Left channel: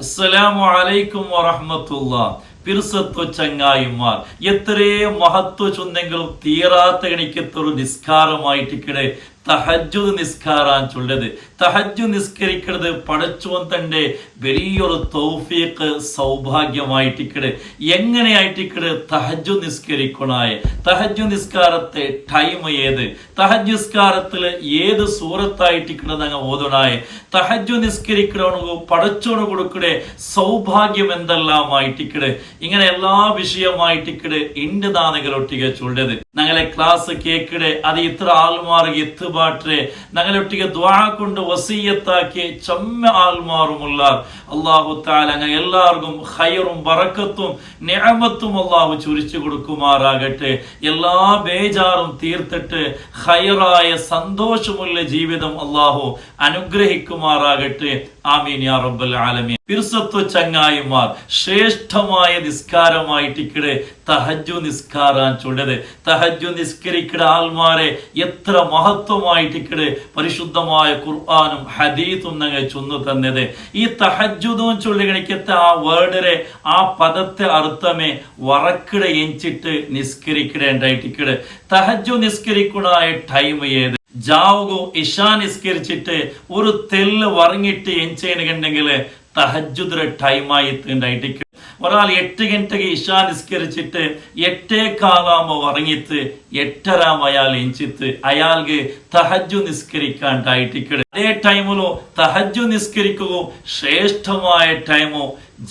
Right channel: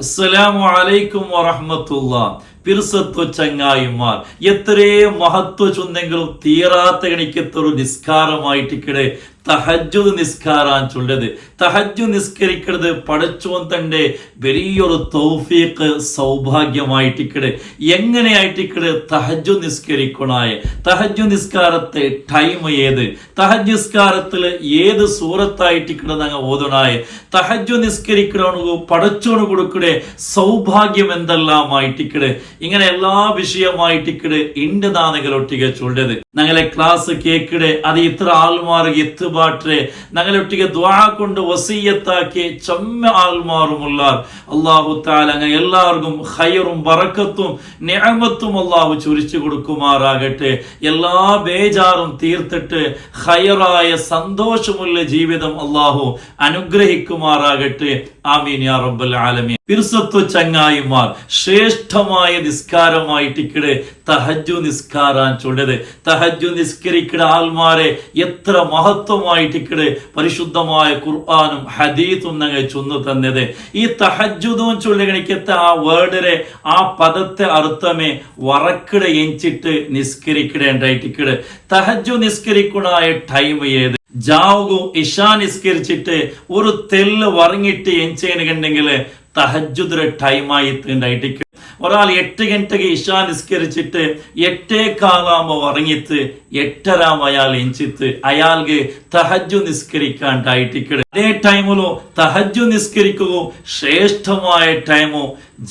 അസ്സലാമു അലൈക്കും വറഹ്മത്തുള്ളാഹ്. പിർസത്തു ചങ്ങായിമാർ, എത്രേ മഹത്വ ചൊന്നെങ്കിലും തീരാത്ത ഗണിക്കത്തൊരു നിസ്കാരമായിട്ടിക്കടെ തഹജ്ജുദ് നിസ്കാരാൻ ചൊല്ലത്. തഹജ്ജു നിസ്കരിക്കുന്നത് പടച്ചോൻ തന്റെ വലിയൊരു തൗഫീഖ് സൗഭാഗ്യമായിട്ടിക്കടെ. എങ്ങനെയായിട്ടിക്കടെ തഹജ്ജു നിസ്കരിക്കണായ തഹജ്ജു നിസ്കാരത്തെ ടൈം ഏത്, തഹജ്ജു നിസ്കാരത്തിൽ ഏത് സൂറത്തായിട്ടിക്കടെ ഞങ്ങൾ ഓതണായ തഹജ്ജു നിസ്കരിക്കണു പടച്ചോണ് കൊടുക്കടെ സൗഭാഗ്യം എന്തെല്ലാമായിട്ടിക്കടെ. ഇങ്ങനെ എല്ലാ വിഷയമായിട്ടിക്കടെ ഇണ്ട് നാനകളൊട്ടിക ചൊല്ലത്. ഞങ്ങളെ ക്ലാസ് കേക്കിടെ അത് ഇത്ര ആൾമാർക്ക് എത്തുപാട്ടെ ഞങ്ങളൊട്ടിക ദ്വാ കൊണ്ട് വസീയത്താക്കി ചമ്മ ആൾമാറുമുള്ള അല്ലാഹു തആല അങ്ങനെ എല്ലാവർക്കും ഖൈറും ബറക്കത്തും നിഅമത്തും അല്ലാഹു ചുരിച്ചു കൊടുക്കുമാറാകട്ടെ. എല്ലാ ബേജാറും തീർത്തിട്ട് ഖൈറായ സന്തോഷമുള്ള ജീവിതം അല്ലാഹു അനുഗ്രഹിക്കുമാറാകട്ടെ. ആമീൻ യാ റബ്ബൽ ആലമീൻ. പിർസത്തു ചങ്ങായിമാർ, ശ്രേഷ്ഠമായ നിസ്കാരമായിട്ടിക്കടെ തഹജ്ജു നിസ്കാരാൻ ചൊല്ലത്. തഹജ്ജു നിസ്കരിക്കട ആൾമാരെ എത്ര മഹത്വമായിട്ടിക്കടെ പരിശുദ്ധമായ ഖുർആനും ഹദീസും ഞങ്ങൾ ചൊന്നു തന്നത്. ഈ തഹജ്ജുദും ചൊല്ലിക്കത്തെ ആ വേർഡരെ ആ പദത്തെ അർത്ഥമേ വറക്കിട എഞ്ചിട്ട് നിസ്കരിക്കടേണ്ടായിട്ടിക്കടെ. തഹജ്ജു നിസ്കരിക്കണായ ടൈം ഏത്? ജാവുകു ഇഷാ നിസ്കരിച്ചിട്ട് ഒരു തെല്ല് വറങ്ങിട്ട് എഞ്ചെങ്കിൽ തഹജ്ജുദിന്റെ ടൈമായി തീണ്ടായിട്ട് ഒരാൾ 8 ഗಂಟೆಗೆ ഇഷാ നിസ്കരിച്ചിട്ട് 8:15 ഉറങ്ങിത്ത് 8:30 അയാൾ എഞ്ചിത്ത് അയാൾക്ക് തഹജ്ജു നിസ്കരിക്കാണ്ടായിട്ടിക്കടെ. അതേ ടൈമിലോ തഹജ്ജു നിസ്കരിക്കുകയോ ശ്രേഷ്ഠമായ ടൈമോ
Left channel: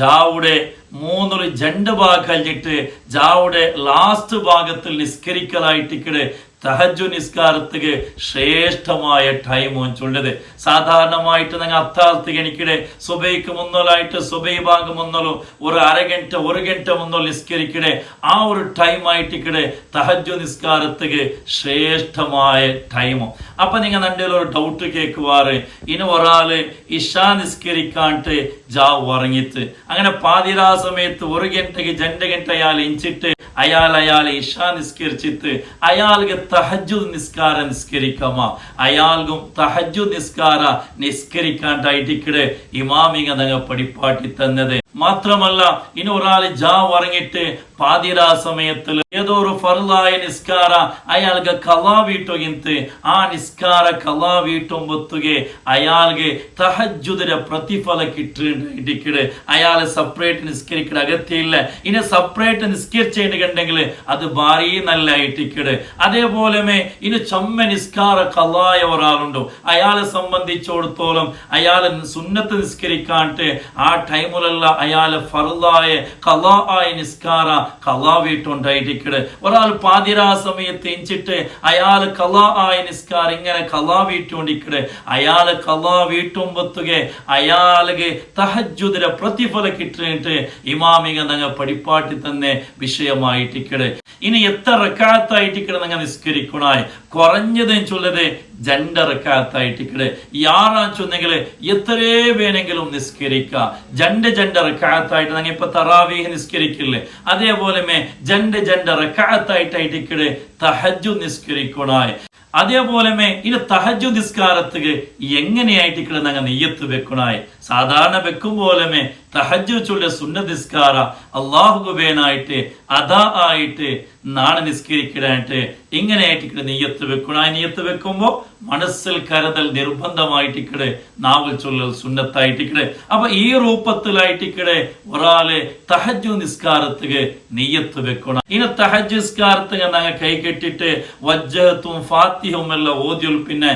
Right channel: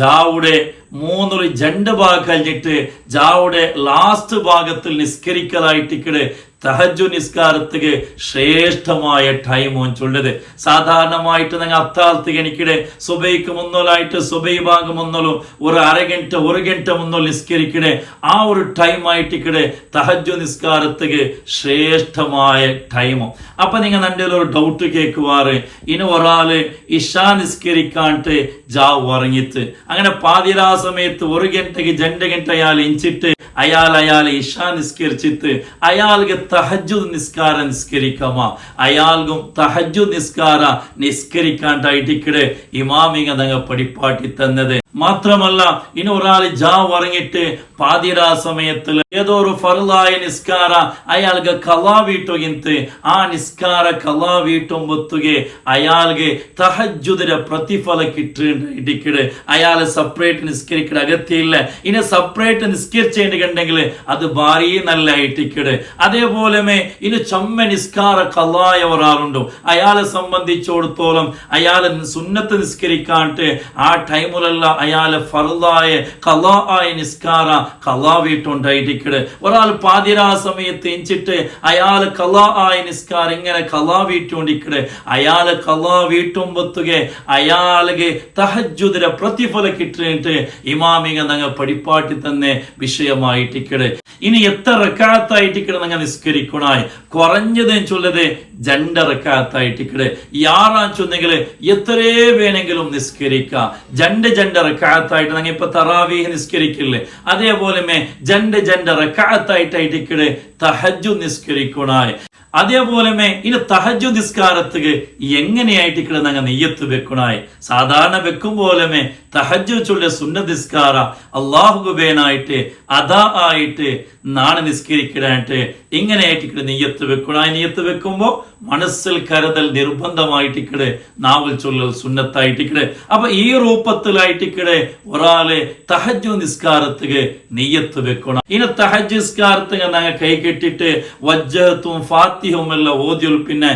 ജാവുടെ 3 ഭാഗം കഴിഞ്ഞിട്ട് ജാവുടെ ലാസ്റ്റ് ഭാഗത്തിൽ നിസ്കരിക്കലായിട്ടിക്കടെ തഹജ്ജു നിസ്കാരത്തിക്ക് ശ്രേഷ്ഠമായ ടൈമും ചൊല്ലത്. സാധാരണമായിട്ട് നിങ്ങൾ അത്താഴത്തേക്ക് എനിക്കിടെ സുബൈക്ക് മുന്നോലായിട്ട് സുബൈ ഭാഗം മുന്നോലോ ഒരു അരഗಂಟೆ 1 ഗಂಟೆ മുന്നോ നിസ്കരിക്കടെ ആ ഒരു ടൈമായിട്ടിക്കടെ തഹജ്ജു നിസ്കാരത്തിക്ക് ശ്രേഷ്ഠമായ ടൈമും. അപ്പൊ നിങ്ങൾ എൻ്റെ ഒരു ഡൗട്ട് കേൾക്കുവാറ്, ഇനി ഒരാള് ഇഷാ നിസ്കരിക്കാണ്ട് ജാവ് ഉറങ്ങിത്ത് അങ്ങനെ പാതിരാ സമയത്ത് 1 ഗಂಟೆಗೆ 2 ഗಂಟೆ അയാൾ എഞ്ചിട്ട് അയാൾ ഇഷാ നിസ്കരിച്ചിട്ട് അയാൾക്ക് തഹജ്ജു നിസ്കാര നിസ്കരിക്കാമോ? അയാൾക്കും തഹജ്ജു നിസ്കാര നിസ്കരിക്കാണ്ടായിട്ടിക്കടെ ഇമാമിങ്ങ ഞങ്ങൾ പഠിപ്പാട്ടി തന്നത്. മാത്രമല്ല ഇനി ഒരാൾ ജാവ് ഉറങ്ങിട്ട് പാതിരാ സമയത്തിൽ ഏതോ ഒരു ഫർലായ നിസ്കാര അയാൾക്ക് കലാ വീട്ടുകിಂತ ആ നിസ്കാര കലാ വീട്ടുമ്പൊത്തുಗೆ അയാൾക്ക് തഹജ്ജുദിന്റെ പ്രതിഫല കിട്ടിയിട്ടിക്കടെ അയാൾ സെപ്പറേറ്റ് നിസ്കരിക്കട അഗത്യമില്ല. ഇനി സെപ്പറേറ്റ് നിസ്കരിച്ചേണ്ടെങ്കിൽ അത് ഭാരി നല്ല ആയിട്ടിക്കടെ. അതേപോലെ ഇനി ചമ്മ നിസ്കാര കലായ ഒരാളുണ്ടോ അയാളെ സംബന്ധിച്ചിടത്തോളം അയാൾ സുന്നത്ത് നിസ്കരിക്കാണ്ട് ആ ടൈമിലുള്ള അയാളെ ഫർലായ കലാ ആയ നിസ്കാര കലാ വീട്ടുണ്ടായിട്ടിക്കടെ. ഒരാൾ പാതിരാ സമയത്ത് എഞ്ചിട്ട് അയാൾ കലാ ആയ നിസ്കാരം ഇങ്ങനെ കലാ വീട്ടുകൊണ്ടിക്കടെ അയാളെ കലാ വീട്ടുമ്പൊത്തുಗೆ അയാൾക്ക് തഹജ്ജുദിന്റെ പ്രതിഫല കിട്ടിയിട്ട് ഇമാമിക ഞങ്ങൾ പഠിപ്പാട്ടി തന്നെ വിഷയമായിട്ടിക്കടെ. ഇനി എത്ര റക്അത്തായിട്ടിക്കടെ ഞങ്ങൾ നിസ്കരിക്കണായി കുറഞ്ഞത് ചൊല്ലത് 2 റക്അത്തായിട്ടിക്കടെ. യാറാൻ ചൊന്നെങ്കിൽ എത്രേ വേണമെങ്കിലും നിസ്കരിക്കാം. 2 റക്അത്തായിട്ട് ഞങ്ങൾ ഇപ്പൊ തറാവീഹ് നിസ്കരിക്കില്ലേ അതേപോലെ 2 റക്അത്തായിട്ടിക്കടെ തഹജ്ജു നിസ്കരിക്കണായി. അതേപോലെ ഇനി തഹജ്ജു നിസ്കാരത്തിക്ക് എങ്ങനെയായിട്ടിക്കടെ ഞങ്ങൾ നെയ്യത്ത് വെക്കണായി. സാധാരണ വെക്കും പോലെ തഹജ്ജു ചൊല്ലിയ സുന്നത്ത് നിസ്കാര അള്ളാഹുബേനായിട്ട് അദാ ആയിട്ട് നാളെ നിസ്കരിക്കടായിട്ട് ഇങ്ങനെയായിട്ടിക്കടെ നെയ്യത്ത് വെക്കണായി. നെയ്യത്ത് വെക്കുമ്പോ മനസ്സിൽ കരുതൽ നിർബന്ധമായിട്ടിക്കടെ നാവൽ ചൊല്ലൽ സുന്നത്തായിട്ടിക്കടെ. അപ്പൊ ഈ രൂപത്തിലായിട്ടിക്കടെ ഒരാള് തഹജ്ജു നിസ്കാരത്തിക്ക് നെയ്യത്ത് വെക്കണം. ഇനി തഹജ്ജു നിസ്കാരത്തിക്ക് ഞങ്ങൾ കൈ കെട്ടിട്ട് വജ്ജഹത്തും ഫാത്തിഹും എല്ലാം ഓതിയൊൽ പിന്നെ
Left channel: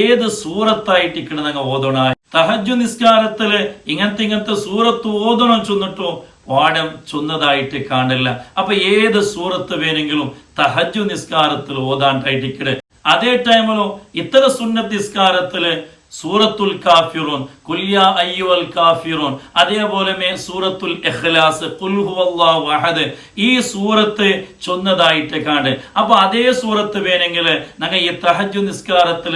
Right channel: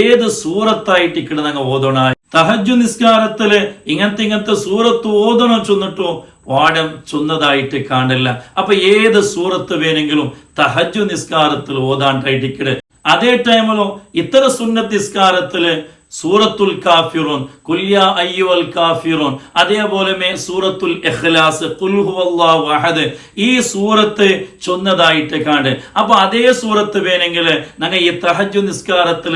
ഏത് സൂറത്തായിട്ടിക്കടെ ഞങ്ങൾ ഓതണായി. തഹജ്ജു നിസ്കാരത്തില് ഇങ്ങനത്തെ സൂറത്ത് ഓതണം ചൊന്നിട്ടു പാഠം ചൊന്നതായിട്ട് കാണില്ല. അപ്പൊ ഏത് സൂറത്ത് വേണമെങ്കിലും തഹജ്ജു നിസ്കാരത്തിൽ ഓതാണ്ടായിട്ടിക്കടെ. അതേ ടൈമിലോ ഇത്തര സുന്നത്ത് നിസ്കാരത്തില് സൂറത്തുൽ കാഫിറൂൻ, ഖുൽ യാ അയ്യുഹൽ കാഫിറൂൻ, അതേപോലെ സൂറത്തുൽ ഇഖ്ലാസ്, ഖുൽ ഹുവല്ലാഹു അഹദ് ഈ സൂറത്ത് ചൊന്നതായിട്ട് കാണ്ട്. അപ്പൊ അതേ സൂറത്ത് വേണമെങ്കിൽ ഞങ്ങൾ ഈ തഹജ്ജു നിസ്കാരത്തിൽ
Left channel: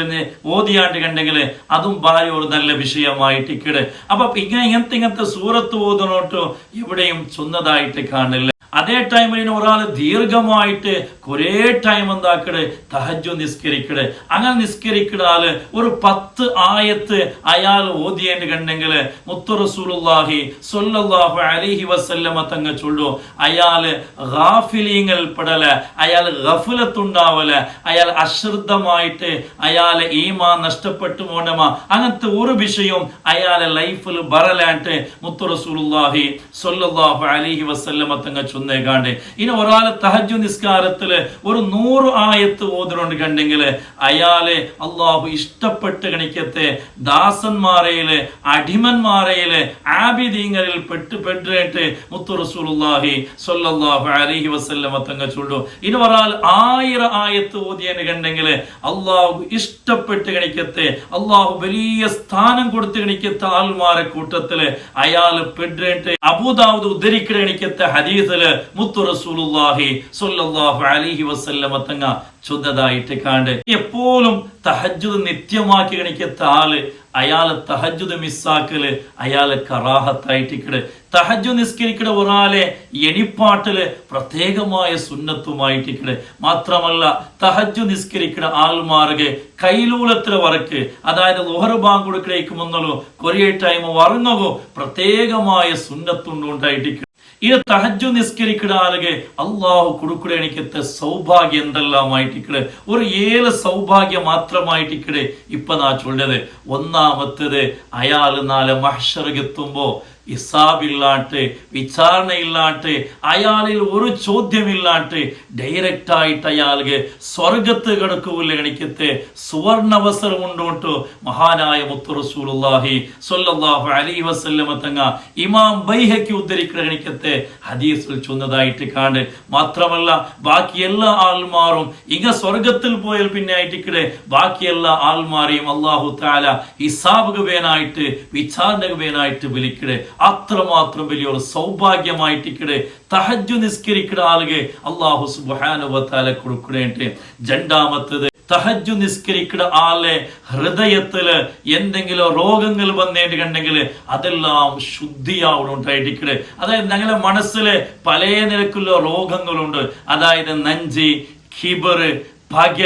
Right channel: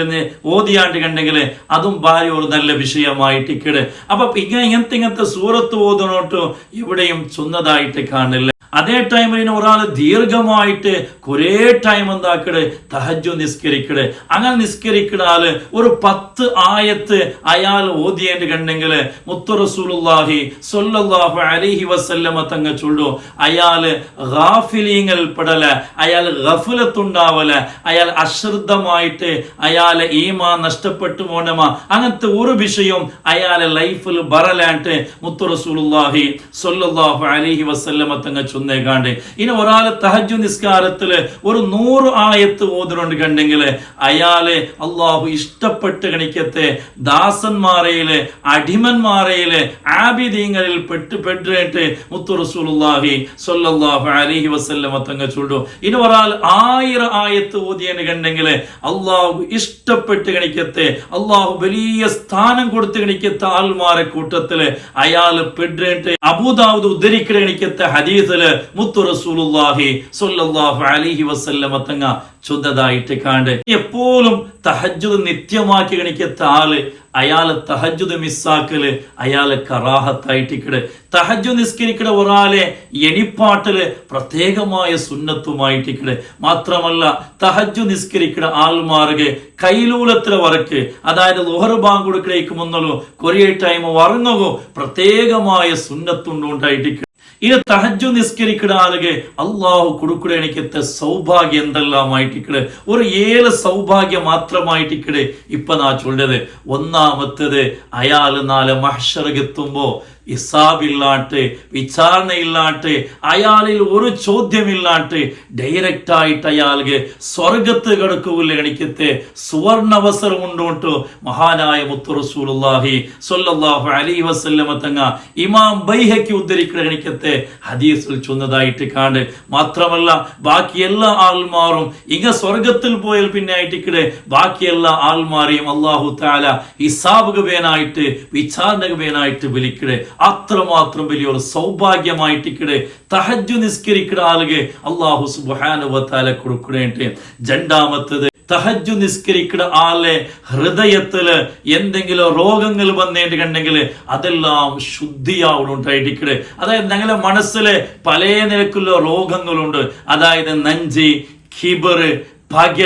ഓതിയാണ്ട് കണ്ടെങ്കിൽ അതും ഭാര്യ ഒരു നല്ല വിഷയമായിട്ടിക്കട്. അപ്പൊ ഇങ്ങനത്തെ സൂറത്ത് ഓതണോട്ട് എവിടെയും ചൊന്നതായിട്ട് കാണില്ല. അതേ ടൈമിൽ ഒരാൾ ദീർഘമായിട്ട് കുറേ ടൈം എന്താക്കട് തഹജ്ജുദ് നിസ്കരിക്കട്. അങ്ങനെ നിസ്കരിക്കണാല് ഒരു 10 ആയത്ത് അയാൾ ഓതിയേണ്ടി കണ്ടെങ്കിൽ മുത്തു റസൂലുള്ളാഹി സ്വല്ലല്ലാഹു അലൈഹി വസല്ലമ തങ്ങൾ ചൊല്ലു, അയാള് ഗാഫിലീങ്ങൾ പെടല, അയാൾ ഗഫലത്തുണ്ടാവല, അയാൾ അശ്രദ്ധമായിട്ട് അയാളെ ഈമാൻ നഷ്ടപ്പെട്ടു പോണമ, അങ്ങനത്തെ ഒരു വിഷയം അയാളെ ലൈഫിൽ ബറലായിട്ട് മുത്തു റസൂലുള്ളാഹി സ്വല്ലല്ലാഹു അലൈഹി വസല്ലമ തങ്ങൾ ചൊന്നേകാണ്ട്. ഇനി ഒരാൾ തഹജ്ജുദ് നിസ്കാരത്തില് ഒരു 100 ആയത്ത് ഓതുന്നുണ്ട് കണ്ടെങ്കിൽ അയാളെ അള്ളാഹു ഇഷ്ടപ്പെട്ട് കണിക്കത്തെ ദാസന്മാരയില് അടിമന്മാരയില് ആബിദീങ്ങളിൽ പെട്ടിട്ട് മുത്തു റസൂലുള്ളാഹി സ്വല്ലല്ലാഹു അലൈഹി വസല്ലമ തങ്ങൾ ചൊല്ലു. ഇനി ഒരാൾ 1000 ആയത്ത് ഓതിയെന്ന് കണ്ടെങ്കിൽ അള്ളാഹു ഇഷ്ടപ്പെട്ട് കണിക്കത്തെ അള്ളാഹു വലിയ സ്ഥാനം കൊടുത്ത് കണിക്കത്തെ ആൾമാരെ കൂട്ടത്തില് അയാൾ പെട്ടിട്ട് അബൂദാവൂദ് ഉദ്ധരിക്കണ കണിക്കത്തെ ഹദീസില് മുത്തു റസൂലുള്ളാഹി സ്വല്ലല്ലാഹു അലൈഹി വസല്ലമ തങ്ങ ചൊന്നതായിട്ട് കാണ്ട്. എപ്പോഴും തഹജ്ജുദ് നിത്യമാക്കി കണിക്കത്ത ആള് അയാള് തഹജ്ജുദ് മിസ്സാക്കല് അയാള് കറാഹത്തായിട്ടിക്കട്. തഹജ്ജുദ് നിസ്കരിക്കണ ഒരാളെ എണിപ്പാട്ടില് പ്രത്യേകമായ സുന്നത്തുമായിട്ടിക്കട്. മാത്രമല്ല തഹജ്ജുദ് നിസ്കരിക്കണ ആൾമാർക്ക് കൈലൂലത്തിലെ വറക്ക്, അതായത് ളുഹർ ബാങ്ക് കൊടുക്കലേക്ക് മുന്നല്ലോ കുറേ ടൈം വറങ്ങോ പ്രത്യേകമായ സുന്നത്തുണ്ടായിട്ടിക്കട്. ഇത് തഹജ്ജുദ് നിസ്കരിക്കുന്ന ആളുകൾ അള്ളാഹു കൊടുക്കുക എനിക്കത്തെ സൗഭാഗ്യം എന്തെല്ലാമായിട്ടിക്കട്. ഒരു 7 സൗഭാഗ്യം മാത്രമായിട്ടിക്കട് ഇപ്പൊ നാ ചൊല്ലത്. ഒന്നാമത്തേത് അയാള് നാളെ മഹ്ശറെത്തുമ്പോ ഹിസാബില്ലാട്ട് വിചാരണയില്ലാട്ട് അയാളിൽ ഒരു ചോദ്യമില്ലാട്ട് ഡയറക്റ്റ് ആയിട്ട് അയാൾക്ക് സ്വർഗത്ത് കിടക്കൂല കണിക്കത്തെ സുവർണവസരം ഉണ്ടോട്ട് മഹാനായ മുത്തു റസൂലുള്ളാഹി സ്വല്ലല്ലാഹു അലൈഹി വസല്ലമ തങ്ങ ഇമാം ബൈഹഖി ഉദ്ധരിക്കുന്ന കണിക്കത്തെ ഹദീസിൽ ചൊന്നതായിട്ട് കാണ്ട്. മാത്രമല്ല ബാക്കി എല്ലാ ആൾമാരും ഇങ്ങ സ്വർഗത്തിൽ പോയാൽ പിന്നെ ആയിട്ടിക്കടെ ബാക്കി എല്ലാ ആൾമാരെയും അല്ലാഹു തആല ഹിസാബ് വേനായിട്ട് വിചാരണ വേനായിട്ട് വിളിക്കടെ. അത്രമാത്രം വലിയൊരു സൗഭാഗ്യമായിട്ടിക്കടെ തഹജ്ജുദ് നിസ്കരിക്കുന്ന ആളുകൾ അല്ലാഹു സുബ്ഹാനഹു വ തആല കൊടുക്കണേട്ട്. രണ്ടാമത്തേത് തഹജ്ജുദ് നിസ്കരിക്കുന്ന ആളെ ഹൃദയത്തില് എന്തെങ്കിലും രോഗങ്ങൾ വന്നേണ്ടി കണ്ടെങ്കിൽ അതെല്ലാം ശുദ്ധിയാവുണ്ടായിട്ടിക്കടെ. അതായത് ഞങ്ങളുടെ മനസ്സില് പല നിരക്കുള്ള രോഗങ്ങളുണ്ട്. അതായത് നെഞ്ചി, കിബറ്, പക,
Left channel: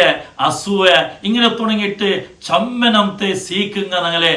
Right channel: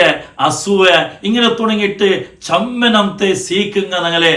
അസൂയ ഇങ്ങനെ തുടങ്ങിയിട്ട് ചമ്മനത്തെ സീക്കുങ്ങ ഞങ്ങളെ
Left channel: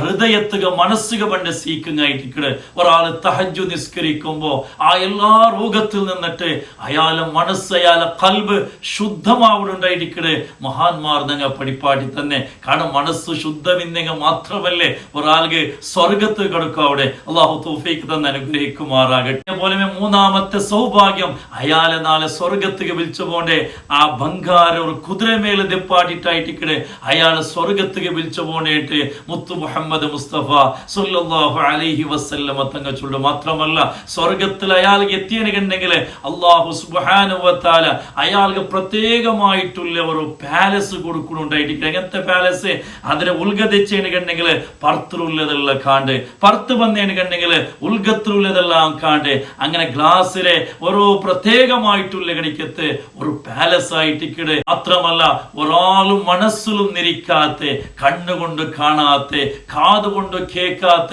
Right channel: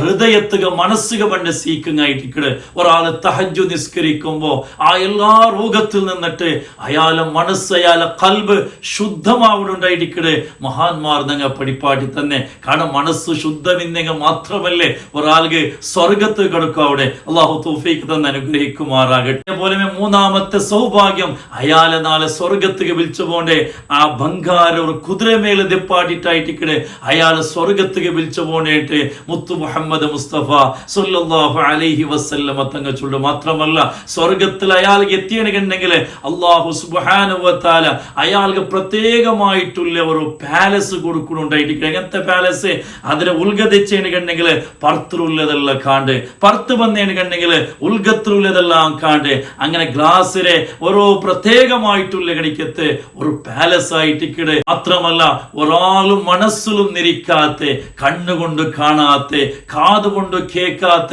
ഹൃദയത്തുക മനസ്സുക പണ്ട് സീക്കുങ്ങായിട്ടിക്കട്. ഒരാള് തഹജ്ജുദ് നിസ്കരിക്കുമ്പോ ആ എല്ലാ രോഗത്തിൽ നിന്നിട്ട് അയാളെ മനസ്സ് അയാളെ കൽബ് ശുദ്ധമാവുണ്ടായിട്ടിക്കട്. മഹാന്മാർ ഞങ്ങൾ പഠിപ്പാട്ടി തന്നെ. കാരണം മനസ്സ് ശുദ്ധമിന്നെങ്കിൽ മാത്രമല്ലേ ഒരാൾക്ക് സ്വർഗത്ത് കിടക്കും. അവിടെ അള്ളാഹു തൗഫീഖ് തന്നെ അനുഗ്രഹിക്കുമാറാകട്ടെ. അതുപോലെ മൂന്നാമത്തെ സൗഭാഗ്യം അയാളെ നാളെ സ്വർഗത്ത് വിളിച്ചു പോണ്ടേ ആ ബംഗാർ ഒരു കുതിരമേലെ ദിപ്പാട്ടിട്ടായിട്ടിക്കടെ അയാള് സ്വർഗത്തേക്ക് വിളിച്ചു പോണേട്ട് മുത്തു മുഹമ്മദ് മുസ്തഫ സ്വല്ലല്ലാഹു അലൈഹി വസല്ലമ തങ്ങൾ ചൊല്ലും. മാത്രമല്ല സ്വർഗത്തിൽ അയാൾക്ക് എത്തിയണെങ്കിൽ അല്ലാഹു സുബ്ഹാനഹു വ തആല അയാൾക്ക് പ്രത്യേകമായിട്ടുള്ള ഒരു പാലസ് കൊടുക്കുന്നുണ്ടായിട്ട്. എങ്ങനത്തെ പാലസ്? അതിനെ ഉൾഗതിച്ചെങ്കിൽ പുറത്തുള്ളതെല്ലാം കാണ്ട്, പുറത്ത് വന്നേണെങ്കിൽ ഉൾഗത്തിലുള്ളതെല്ലാം കാണ്ട്, അങ്ങനെ ഗ്ലാസ്സിലെ ഓരോ പ്രത്യേകമായിട്ടുള്ള കണിക്കത്ത് ഒരു പാലസ് ആയിട്ടിക്കടെ. മാത്രമല്ല ഒരാളും മനസ്സിലും നിരിക്കാത്ത, കണ്ണുകൊണ്ട് കാണാത്ത, കാതുകൊണ്ട് കേൾക്കാത്ത,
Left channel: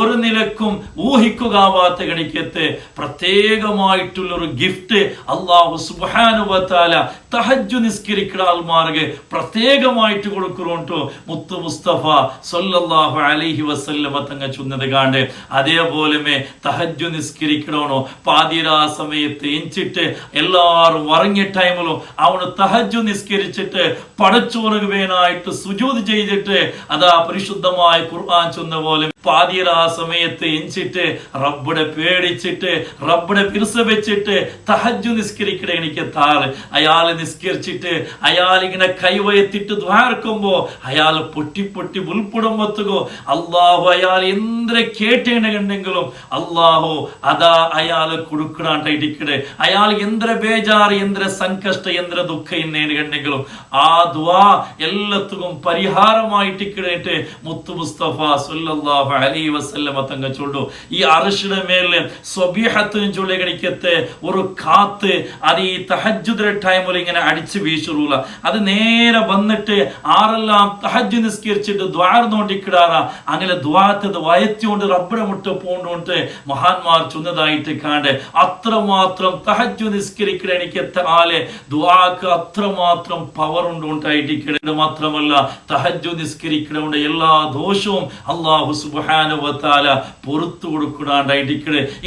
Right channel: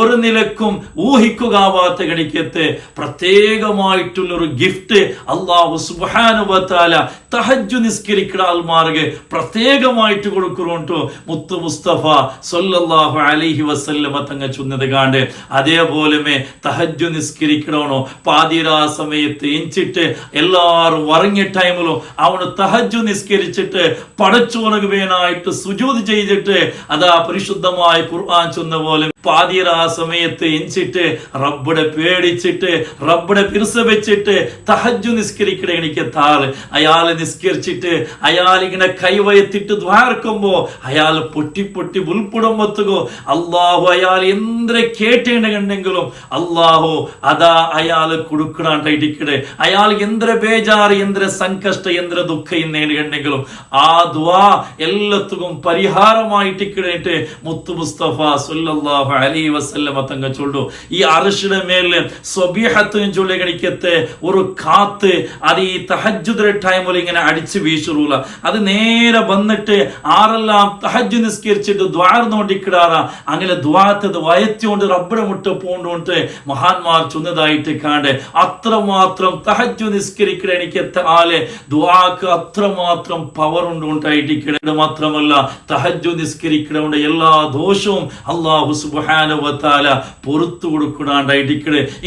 ഒരു നിലക്കും ഊഹിക്കുകാവാത്ത കണിക്കത്ത് പ്രത്യേകമായിട്ടുള്ള ഒരു ഗിഫ്റ്റ് അല്ലാഹു സുബ്ഹാനഹു വ തആല തഹജ്ജുദ് നിസ്കരിക്കുന്ന ആൾമാർക്ക് പ്രത്യേകമായിട്ട് കൊടുക്കുന്നുണ്ട് മുത്തു മുസ്തഫ സ്വല്ലല്ലാഹു അലൈഹി വസല്ലമ തങ്ങൾ ചൊന്നത് കാണ്ട്. അതേപോലെ തഹജ്ജുദ് നിസ്കരിക്കണോ പാതിരാ സമയത്ത് എഞ്ചിട്ട് എല്ലാവരും ഉറങ്ങിയ ടൈമിലും അവന് തഹജ്ജുദ് നിസ്കരിച്ചിട്ട് പടച്ചോനക്ക് വേനായിട്ട് സുജൂദ് ചെയ്തിട്ട് അതാ പരിശുദ്ധമായ ഖുർആൻ ചൊന്ന പോലെ പാതിരാ സമയത്ത് എഞ്ചിട്ട് റബ്ബിനെ പേടിച്ചിട്ട് റബ്ബിനെ പിരിസ വെച്ചിട്ട് തഹജ്ജുദ് നിസ്കരിക്കണ എനിക്ക് താള് അയാള് നിസ്കരിച്ചിട്ട് അയാൾ ഇങ്ങനെ കൈവയത്തിട്ട് ദ്വാർക്കുമ്പോ അയാൾ പൊട്ടി പൊട്ടി ഉൾപ്പെടുമ്പത്തുകോ അള്ളാഹു അയാൾ എന്തിനെ കേട്ടേണ്ടെങ്കിലും അള്ളാഹു അതാ അയാള് കൊടുക്കണായിട്ടിക്കടെ. അയാൾ എന്തൊരു ബേജാറ്, എന്തൊരു സങ്കഷ്ട, എന്തൊരു ദുഃഖം നേടുകണ്ടെങ്കിലും ആ ദ്വാ എല്ലാത്തും പരിഹാരമായിട്ടിക്കടേറ്റ് മുത്തു മുസ്തഫ സ്വല്ലല്ലാഹു സല്ലല്ലാഹു അലൈഹി വസല്ലമ തങ്ങൾ ചൊല്ലു ഈ അർശിയുടെ മേലെ സ്വബീഹത്ത് ചൊല്ലിക്കണിക്കത്തെ ഒരു കാത്ത് അത് ഈ തഹജ്ജുദിന്റെ ടൈമിൽ ഇങ്ങനെ അടിച്ചു വീശുറൂല അത് നേരെ വന്നിട്ട് ആരെല്ലാം തഹജ്ജു നിസ്കരിച്ചിട്ട് ദ്വാർന്നോണ്ടിക്കിടാറ അങ്ങനെ ദ്വാത്തത് വയറ്റിക്കൊണ്ട് റബ്ബിടെ മുട്ട പൂണ്ടുകൊണ്ട് മഹാന്മാർ ചൊന്നതായിട്ട് കാണ്ട് അത്രമാത്രം തഹജ്ജു നിസ്കരിക്കണ എനിക്ക് ആലെ ദ്വാക്ക് അത്രമാത്രം പവർ ഉണ്ടായിട്ട് മാത്രമല്ല തഹജ്ജു നിസ്കരിക്കണ എല്ലാ ദോഷവും അല്ലാഹു സുബ്ഹാനഹു വ തആല പുറത്തു കൊടുക്കുന്നുണ്ടായിട്ട്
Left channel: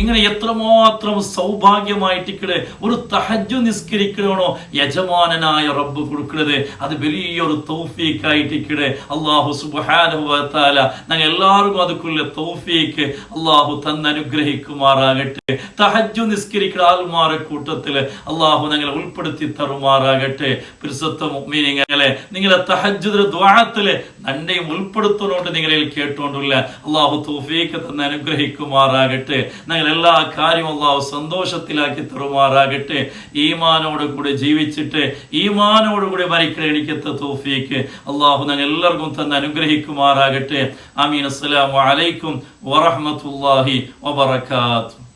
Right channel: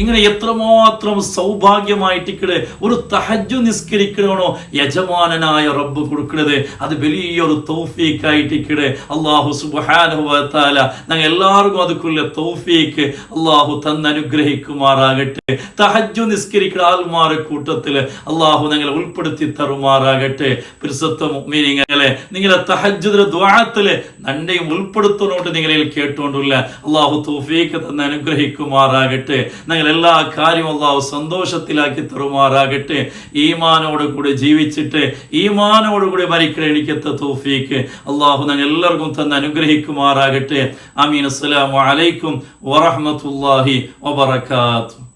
ഇങ്ങനെ എത്രമാത്രം സൗഭാഗ്യമായിട്ട് ഒരു തഹജ്ജു നിസ്കരിക്കണോ യജമാനനായ റബ്ബ് കൊടുക്കുന്നത് അത് വലിയൊരു തൗഫീഖായിട്ട് അല്ലാഹു സുബ്ഹാനഹു വ തആല ഞങ്ങൾ എല്ലാവർക്കും അതുക്കുള്ള തൗഫീഖ് അല്ലാഹു തന്നനുഗ്രഹിക്കുമാറാകട്ടെ. തഹജ്ജു നിസ്കരിക്കുന്ന ആൾമാരുടെ കൂട്ടത്തിൽ അല്ലാഹു ഞങ്ങളെ ഉൾപ്പെടുത്തി തരുമാറാകട്ടെ. പരിശുദ്ധ മുഅ്മിനീങ്ങളെ നിങ്ങളെ തഹജ്ജുദിന്റെ ദുആത്തിൽ നന്മയും ഉൾപ്പെടുത്തുന്നോണ്ട് നിങ്ങളിൽ കേട്ടുകൊണ്ടില്ല അല്ലാഹു തൗഫീഖ് തന്ന് അനുഗ്രഹിക്കുമാറാകട്ടെ. ഞങ്ങൾ എല്ലാ കാര്യവും അല്ലാഹു സന്തോഷത്തിലാക്കി തരുമാറാകട്ടെ. ഈമാനോട് കൂടി ജീവിച്ചിട്ട് ഈമാനോട് കൂടി മരിക്കണ എനിക്കത്തെ തൗഫീഖ് അല്ലാഹു ഞങ്ങൾ എല്ലാവർക്കും തന്ന് അനുഗ്രഹിക്കുമാറാകട്ടെ. ആമീൻ. അസ്സലാമു അലൈക്കും വറഹ്മത്തുള്ളാഹി വബറകാതുഹു.